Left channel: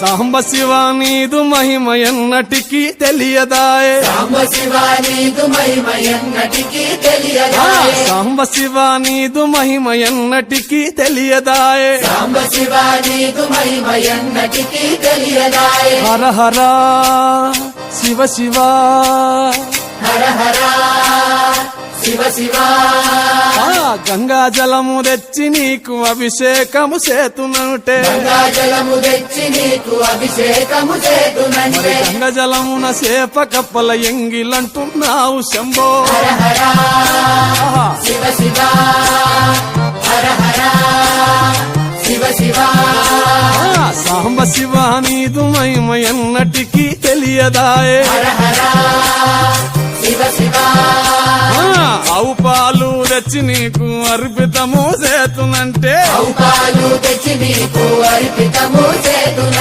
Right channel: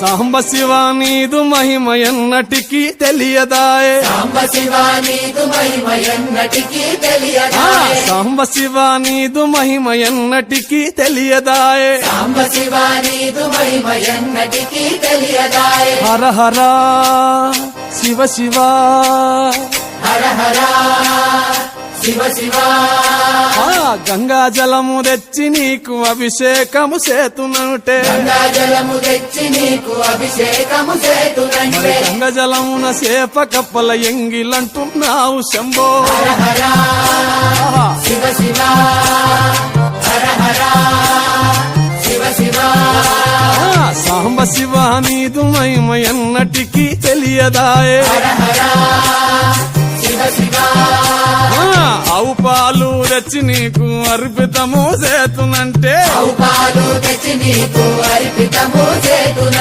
సాంబ శివ నీదు మహిమ ఎన్నటికీ తెలియదాయే సాంబ శివ నీదు మహిమ ఎన్నటికీ ఆ, తెలియదాయే సాంబ శివ నీదు మహిమ ఎన్నటికీ తెలియదాయే సాంబ శివ నీదు మహిమ ఎన్నటికీ తెలియదాయే హర హర శివ శివ హర హర శివ శివ ఆ, గంగా జలము తెచ్చి నీకు అభిషేకము చేతునంటే గంగా జలము తెచ్చి నీకు అభిషేకము మరి చేతునంటే గంగ జలమున సేప కప్పల ఎంగిలంటున్నావు శంభో ఆహా. శివ శివ హర హర శివ శివ ఆ, సాంబ శివ నీదు మహిమ ఎన్నటికీ తెలియదాయే శివ శివ ఆ, ఆవు పాలు తెచ్చి నీకు అర్పితము చేతునంటే పాలు తెచ్చి నీకు అర్పితము చేతునంటే